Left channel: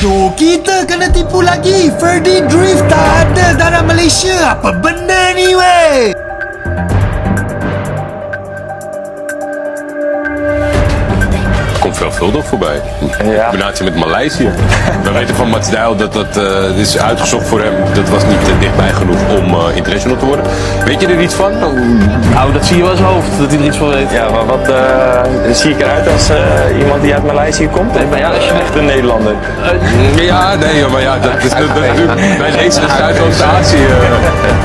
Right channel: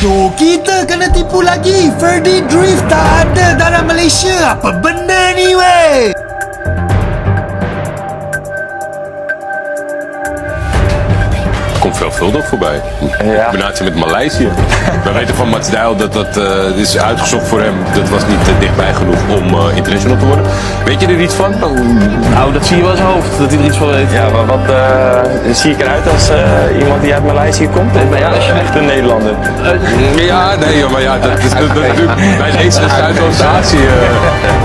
Aduh, kita kena tipu lagi. Ferdy Drift tak ada darah Malaysia. Apa benda ni weh? Komt veelvuldig voorbij. Ja. Combinatie met Maleisië. We weten van Mats Dijl dat is uitgezocht voor hem. Dat was niet dichtbij genoeg om international te worden. Weet je er iets van? Nou, dat zie je wel in zijn hoofd, dat hij er iets van weet. Ja, maar wat zie ik eruit als iemand die uit Maleisië komt? Nee, maar ja, als je echt een Nederlander. Ja, nee, maar ja, dat is natuurlijk bij deze Zuidoost-Azië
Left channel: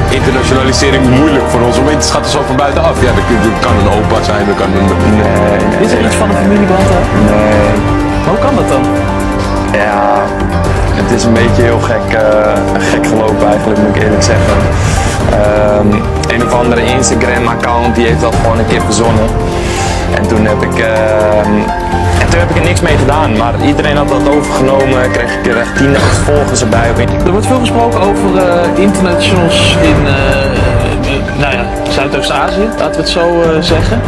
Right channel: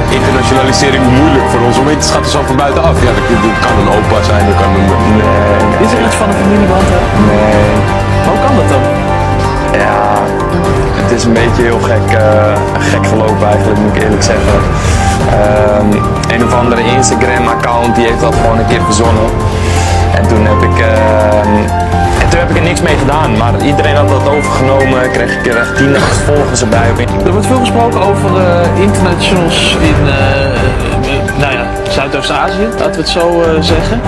internationalisering moeilijk voor ons. Want het gaat er zo van buitenaf. Ja, dat kan een opa zijn, dat kan een... Nee. Is er iets van een familieband, hè? Nee. Maar hoe kan dat dan? Ja, het is een beetje heel gek gelopen eigenlijk, moet ik eerlijk zeggen. Een of andere Instagram-account die heeft dat gewoon een keer verzonnen. En toen heb ik er niks mee gedaan, maar iedereen had dat overgenomen, kreeg 10.000 volgers erbij. Er wordt veel gesproken over internationals in Zuidoost-Azië, laten we het zo zeggen.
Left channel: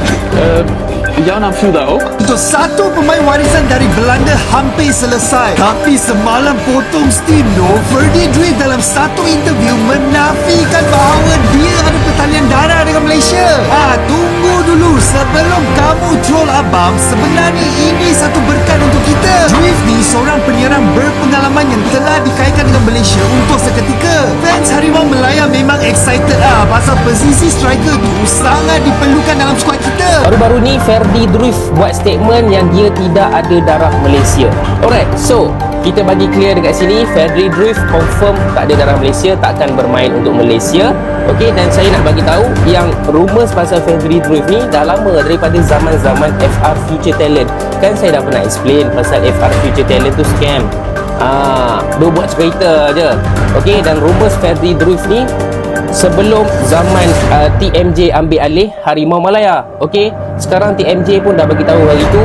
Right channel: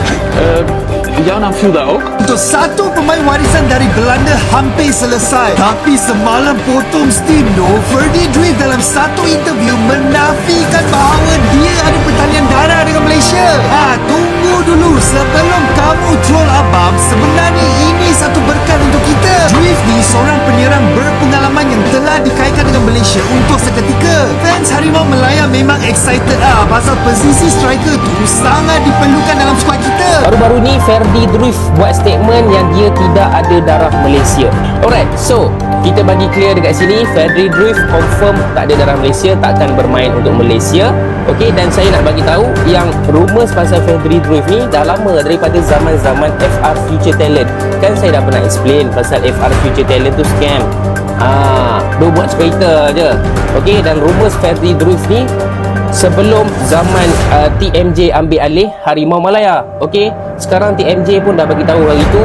Jouw naam viel daar ook. Untuk satu pemain warisan dari Belanda hampir selesai. Tapi semalam potong steam doh. Ferdy Drift dalam satu interview menafikan bahawa dia ada pertalian darah dengan Malaysia. Tunggu dulu. Sebelum kamu troll abang, sebenarnya ini satu berkat untuk kita. Drift ni seorang penyerang berpengalaman yang telah dikaitkan dengan Malaysia untuk seketika. Fans Harimau Melaya memang excited pasal posisi striker tu sangat diperlukan dalam skuad kita. Baru-baru ni Ferdy Drift buat statement yang dia tidak ada darah Malaysia. Alright, so kita bagi clear dekat sini, Ferdy Drift confirm tak ada darah Malaysia, takkan bermain untuk Malaysia. Okey, dan saya nak bagi tahu yang rumours pasal Ferdy Drift ni dah lama, daripada zaman-zaman FR Future Talent. Kan saya dah pernah explain pasal FR Future Talent tu scam. Dia buat cerita je. Okey, dan rumours Ferdy Drift ni sebelum zaman TMJ ambil alih Harimau Malaya. Okey, sekarang TMJ pun dah bagi tahu hari tu,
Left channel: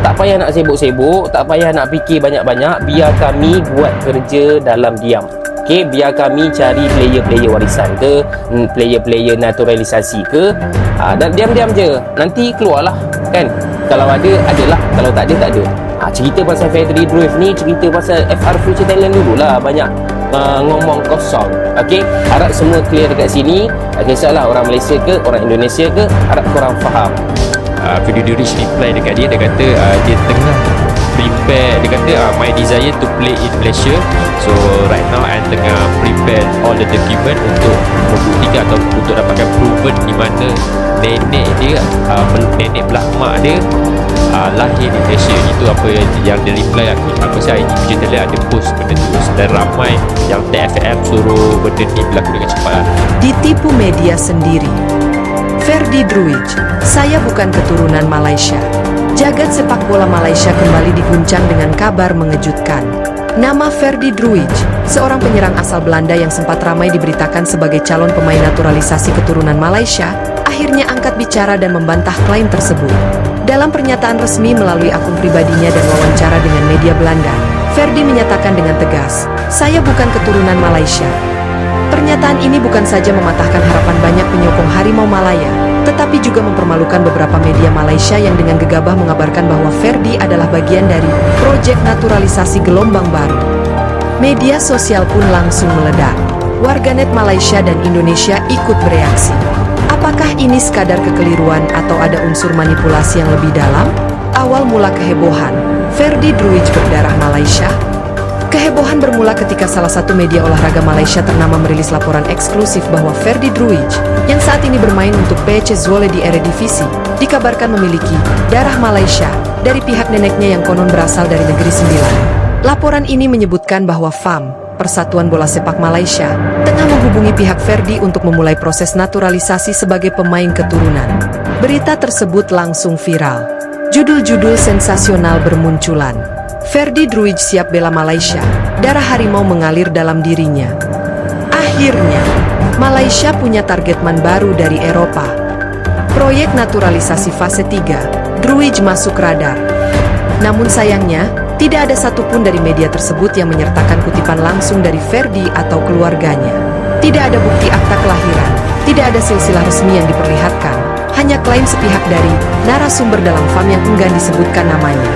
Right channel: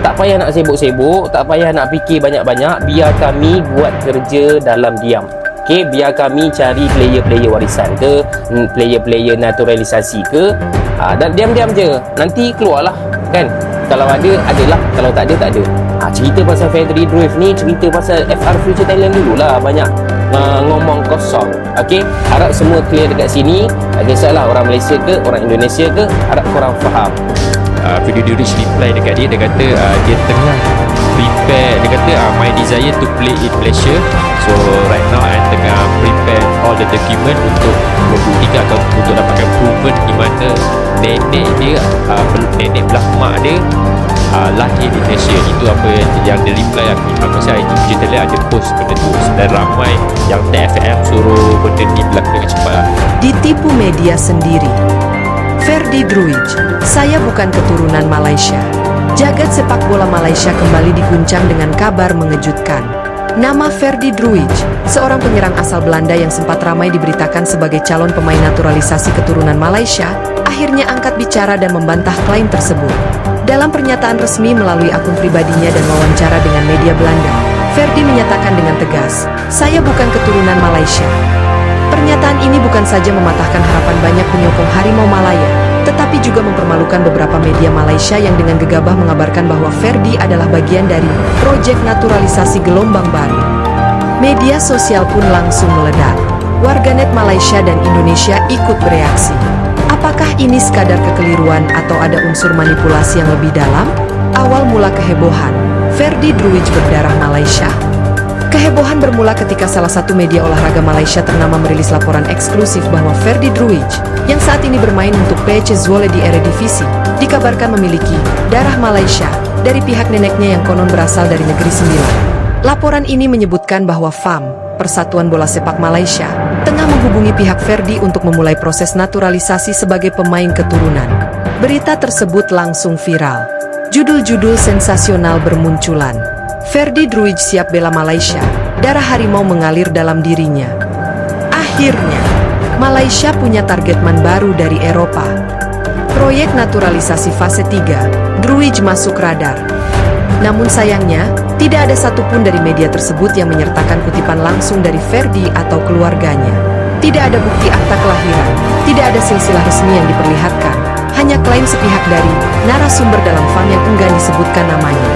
tak payah nak sibuk-sibuk, tak payah nak fikir banyak-banyak, biar kami buat kerja dalam diam. Okey, biar kami cari player-player warisan ke, player-player naturalisasi ke, dan diam-diam je, nanti keluarlah kan. Kalau ada, adalah, kalau tak ada, tak ada. Cerita pasal Ferdy Drift ni, cerita pasal FR Future Talent dululah, banyak ngomong kosong. Okey, harap semua clear dekat sini. Tak kisahlah orang Malaysia ke, orang Indonesia ke, harap korang faham. Video Rich reply dekat dia, dia kata dia tengah prepare, dia kata my desire to play in Malaysia, so right now I tengah prepare all the document untuk membuktikan atau untuk dapatkan proven di mana nenek dia, nenek belah mak dia lahir di Malaysia. Itu apa yang dia reply. Aku rasa IG Future Talent ada post benda tu, dan ramai yang TFM suruh benda ni berlaku dengan cepat lah. Ditipu media sendiri. Ferdy Drift, saya bukan keturunan Malaysia. Jagat sepak bola Malaysia kembali diguncang dengan kabar mengejutkan. Nama Ferdy Drift, seorang penyerang asal Belanda yang sempat ramai diberitakan sebagai calon pemain naturalisasi keturunan Malaysia, akhirnya angkat bicara dan membantah klaim tersebut. Dalam pernyataan resmi melalui akun pribadinya dan wawancara dengan media Belanda, Ferdy menyatakan dengan tegas, "Saya bukan keturunan Malaysia." Pernyataan ini bukan saja mematahkan harapan banyak penyokong Harimau Malaya, tetapi juga mempermalukan beberapa media Malaysia yang dengan gegabah mengabarkan bahwa Ferdy adalah bagian dari proyek naturalisasi gelombang baru. Media sosial pun langsung meledak. Warganet Malaysia dan Indonesia ikut bereaksi. Apakah ini sekadar kekeliruan atau ada unsur manipulasi yang lebih dalam? Awal mula kehebohan, Ferdy Drift berdarah Malaysia. Kehebohan bermula ketika salah satu media olahraga Malaysia ternama merilis laporan eksklusif bahwa Ferdy Drift, yang saat ini bermain untuk PC Zwolle di Eredivisie, dikabarkan memiliki darah Malaysia dari pihak neneknya yang konon berasal dari Negeri Sembilan. Laporan ini menyebutkan bahwa FAM, Persatuan Bola Sepak Malaysia, tengah menghubungi pihak Ferdy untuk memulai proses naturalisasi sebagai pemain keturunan. Berita tersebut langsung viral. Judul-judul sensasional bermunculan. Ferdy Drift siap bela Malaysia, darah harimau mengalir dalam dirinya. Akhirnya, Malaysia punya targetman baru dari Eropa. Proyek naturalisasi fase 3, Drift masuk radar. Namun sayangnya, tidak ada satupun dari media tersebut yang menyertakan kutipan langsung dari Ferdy atau keluarganya. Tidak ada bukti akta kelahiran, tidak ada silsilah resmi yang diperlihatkan, hanya klaim sepihak dari narasumber dalam FAM yang enggan disebutkan namanya.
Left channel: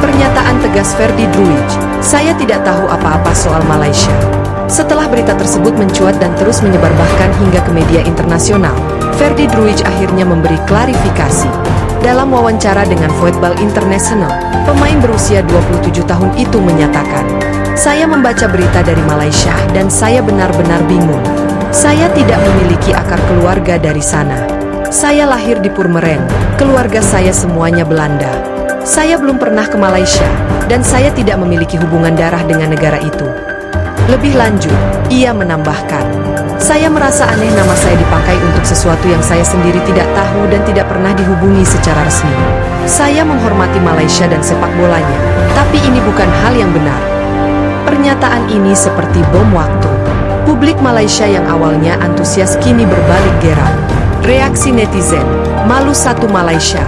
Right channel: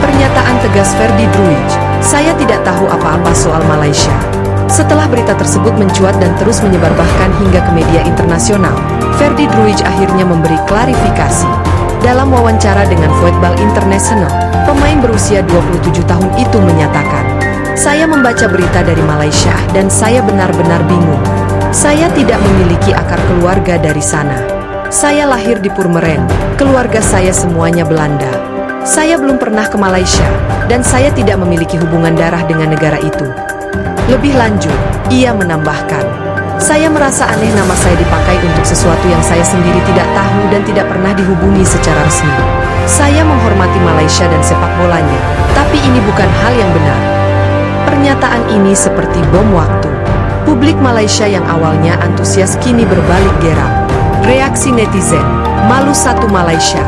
Pernyataan Pernyataan tegas Ferdi Druij, saya tidak tahu apa-apa soal Malaysia. Setelah berita tersebut mencuat dan terus menyebar bahkan hingga ke media internasional, Ferdi Druij akhirnya memberi klarifikasi. Dalam wawancara dengan Voetbal International, pemain berusia 27 tahun itu menyatakan, "Saya membaca berita dari Malaysia dan saya benar-benar bingung. Saya tidak memiliki akar keluarga dari sana. Saya lahir di Purmerend, keluarga saya semuanya Belanda. Saya belum pernah ke Malaysia, dan saya tidak memiliki hubungan darah dengan negara itu." Lebih lanjut, ia menambahkan, "Saya merasa aneh nama saya dipakai untuk sesuatu yang saya sendiri tidak tahu dan tidak pernah dihubungi secara resmi. Saya menghormati Malaysia dan sepak bolanya, tapi ini bukan hal yang benar." Pernyataan ini seperti bom waktu. Publik Malaysia yang awalnya antusias kini berbalik geram. Reaksi netizen, malu satu Malaysia.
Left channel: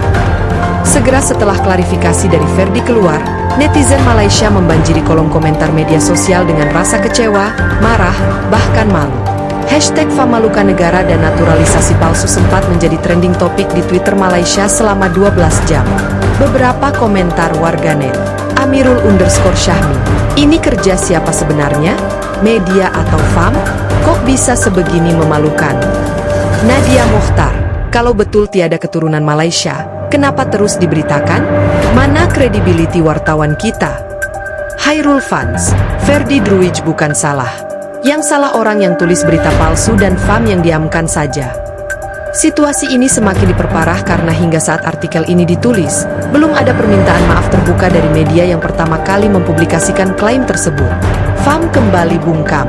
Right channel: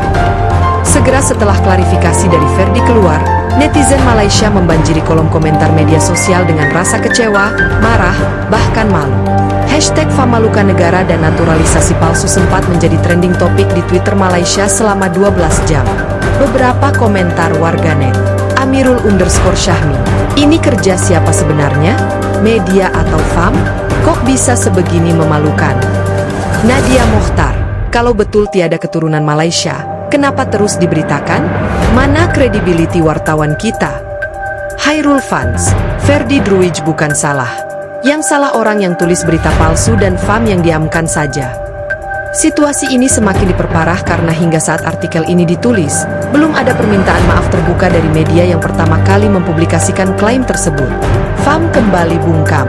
Segera setelah klarifikasi dari Ferdi keluar, netizen Malaysia membanjiri kolom komentar media sosial dengan rasa kecewa, marah, bahkan malu. Hashtag Famaluka Negara dan naturalisasi palsu sempat menjadi trending topik di Twitter Malaysia selama 12 jam. Beberapa komentar warganet, Amirul_Syahmi, "Ini kerja siapa sebenarnya? Media atau FAM? Kok bisa sebegini memalukan?" Nadia Mokhtar, "Kalau betul tiada keturunan Malaysia, kenapa terus diberitakan? Mana kredibiliti wartawan kita?" Hairul Fans, "Ferdi Druij bukan salah. Yang salah orang yang tulis berita palsu dan FAM yang diamkan saja." Situasi ini semakin diperparah karena hingga saat artikel ini ditulis, belum ada permintaan maaf terbuka dari media yang pertama kali mempublikasikan klaim tersebut. FAM kembali bungkam.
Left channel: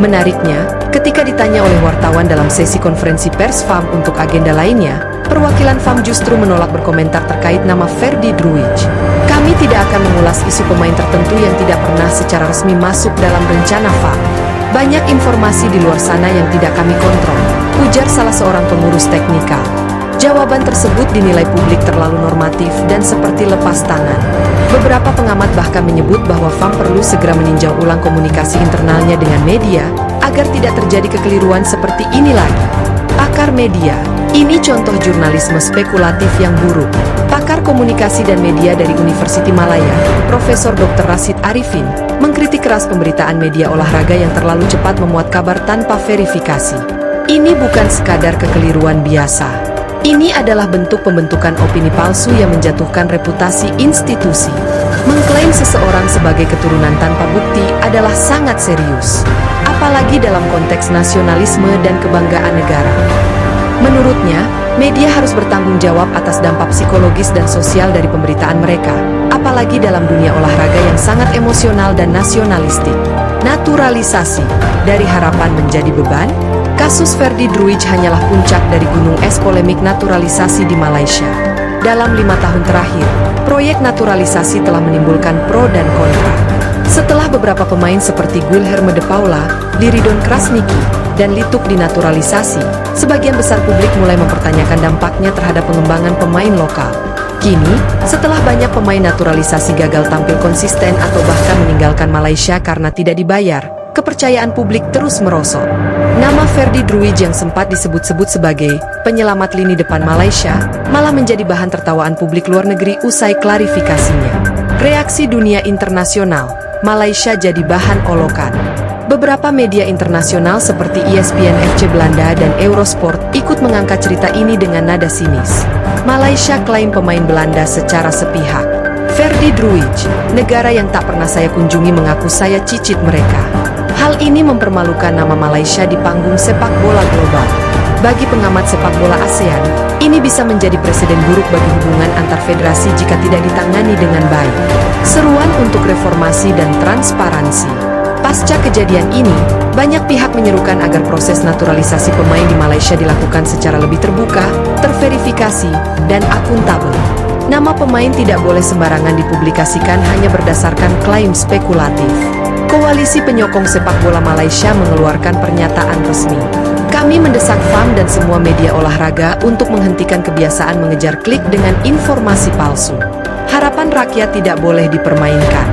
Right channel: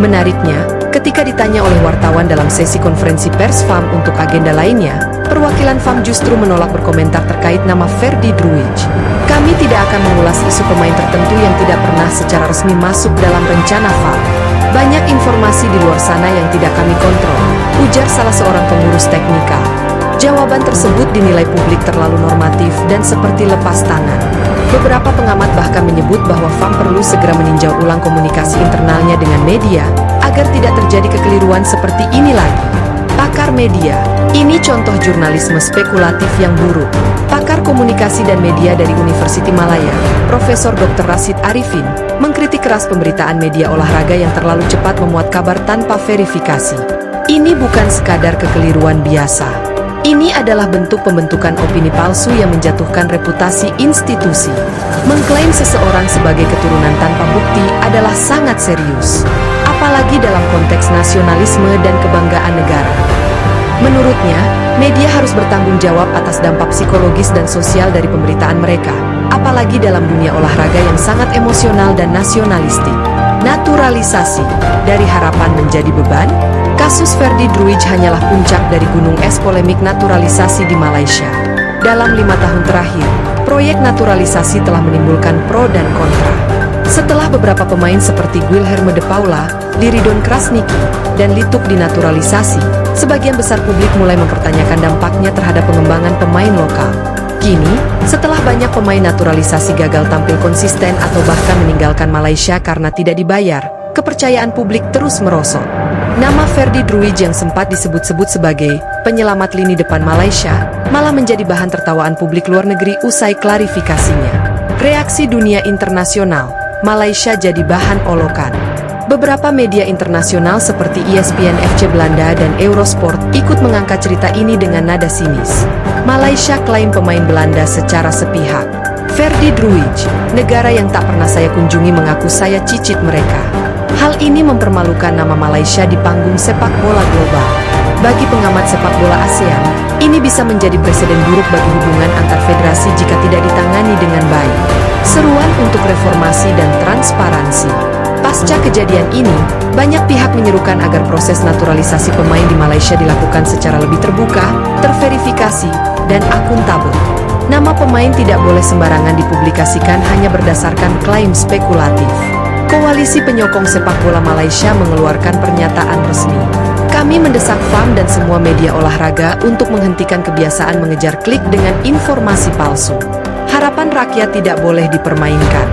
Menariknya, ketika ditanya oleh wartawan dalam sesi konferensi pers FAM untuk agenda lainnya, perwakilan FAM justru menolak berkomentar terkait nama Ferdi Druij. "Kami tidak akan mengulas isu pemain tertentu yang tidak pernah secara resmi masuk dalam rencana FAM. Banyak informasi di luar sana yang tidak kami kontrol," ujar salah seorang pengurus teknikal. Jawaban tersebut dinilai publik terlalu normatif dan seperti lepas tangan. Beberapa pengamat bahkan menyebut bahwa FAM perlu segera meninjau ulang komunikasi internalnya dengan media, agar tidak terjadi kekeliruan seperti ini lagi. Pakar media, "Ini contoh jurnalisme spekulatif yang buruk." Pakar komunikasi dan media dari Universiti Malaya, Profesor Dr. Rashid Arifin, mengkritik keras pemberitaan media olahraga yang terlalu cepat memuat kabar tanpa verifikasi. "Ini bukan sekadar kekeliruan biasa. Ini adalah bentuk pembentukan opini palsu yang menjatuhkan reputasi institusi. Mengklaim seseorang sebagai keturunan tanpa bukti adalah sangat serius, apalagi dalam konteks nasionalisme dan kebanggaan negara." Menurutnya, media harus bertanggung jawab atas dampak psikologis dan sosial dari pemberitaan mereka, apalagi dalam dunia olahraga yang sangat emosional dan nasionalistik. Naturalisasi, dari harapan menjadi beban? Kasus Ferdi Druij hanyalah puncak dari gunung es polemik naturalisasi di Malaysia. Dalam 5 tahun terakhir, proyek naturalisasi telah menimbulkan pro dan kontra. Setelah beberapa pemain seperti Guilherme de Paula, Liridon Krasniki, dan Lituk dinaturalisasi, sebagian besar publik mulai mempertanyakan dampaknya terhadap pengembangan pemain lokal. Kini, setelah banyak pemain naturalisasi gagal tampil konsisten atau bahkan meninggalkan Malaysia karena tidak dibayar, kepercayaan publik terus merosot. Nama Ferdi Druij yang sempat disebut-sebut sebagai penyelamat lini depan Malaysia, malah menjadi bahan tertawaan publik luar negeri usai klarifikasinya. Reaksi dunia internasional, Malaysia jadi bahan olokan. Beberapa media internasional seperti ESPN FC Belanda dan Eurosport ikut mengangkat cerita ini dengan nada sinis. Malaysia klaim pemain Belanda secara sepihak. Ferdi Druij, negara yang tak pernah saya kunjungi, mengaku saya cicit mereka. Hal ini mempermalukan nama Malaysia di panggung sepak bola global. Bagi pengamat sepak bola ASEAN, ini bisa menjadi presiden buruk bagi hubungan antar federasi jika tidak ditangani dengan baik. Seruan untuk reformasi dan transparansi. Pasca kejadian ini, banyak pihak menyerukan agar proses naturalisasi pemain di Malaysia dilakukan secara lebih terbuka, terverifikasi, dan akuntabel. Nama pemain tidak boleh sembarangan dipublikasikan hanya berdasarkan klaim spekulatif. Koalisi Penyokong Sepak Bola Malaysia mengeluarkan pernyataan resmi. "Kami mendesak FAM dan semua media olahraga untuk menghentikan kebiasaan mengejar klik dengan informasi palsu. Harapan rakyat tidak boleh dipermainkan."